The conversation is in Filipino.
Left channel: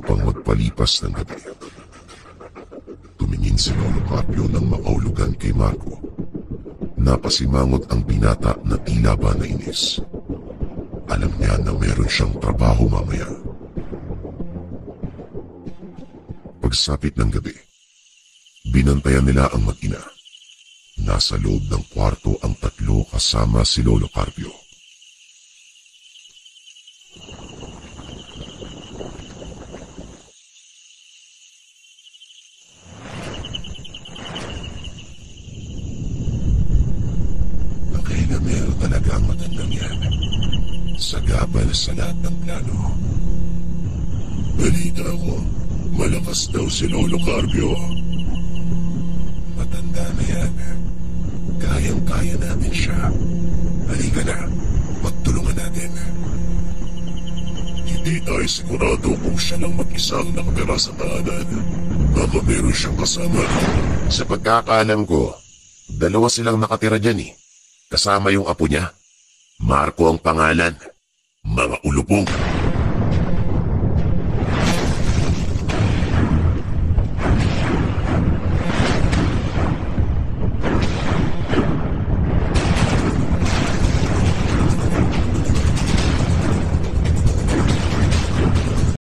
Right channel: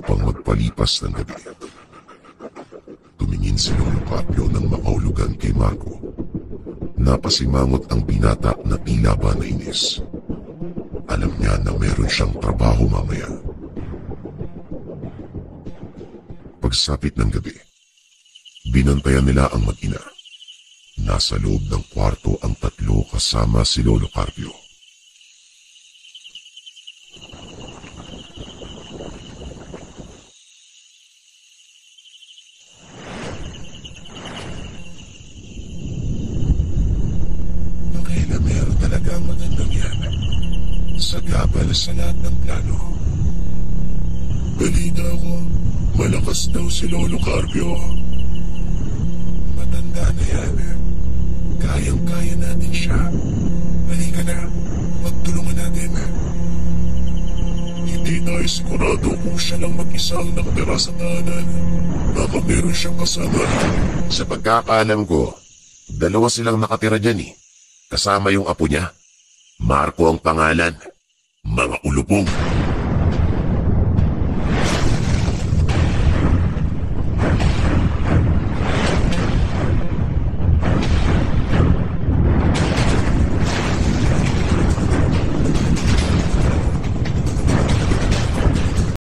upang magpalipas ng gabi. Tumingin si Lolo Carpio nang makahulugan kay Marco. Napasimangot ang binata na tila ba nainis. Alam niya na meron siyang trabaho mamaya. Pagsapit ng gabi, binantayan nila ang mag-ina. Nasa loob ng kwarto ang tatlo kasama si Lolo Carpio. Meron talaga ang magandang yan. Sagabal sa lahat ng plano. Balita ko, malakas daw si Lolo Carpio. Matanda na yan. Kayang-kaya natin siya. Halika na, magtulungan natin. Hindi tayo sigurado kung siya lang mag-isa ang nakatira sa tahanan. Baka meron siyang kasama. Sa pagkakaalam ko, dalawa silang nakatira dyan eh. Kasama yung apo niya. Marco ang pangalan. Mga ulupong.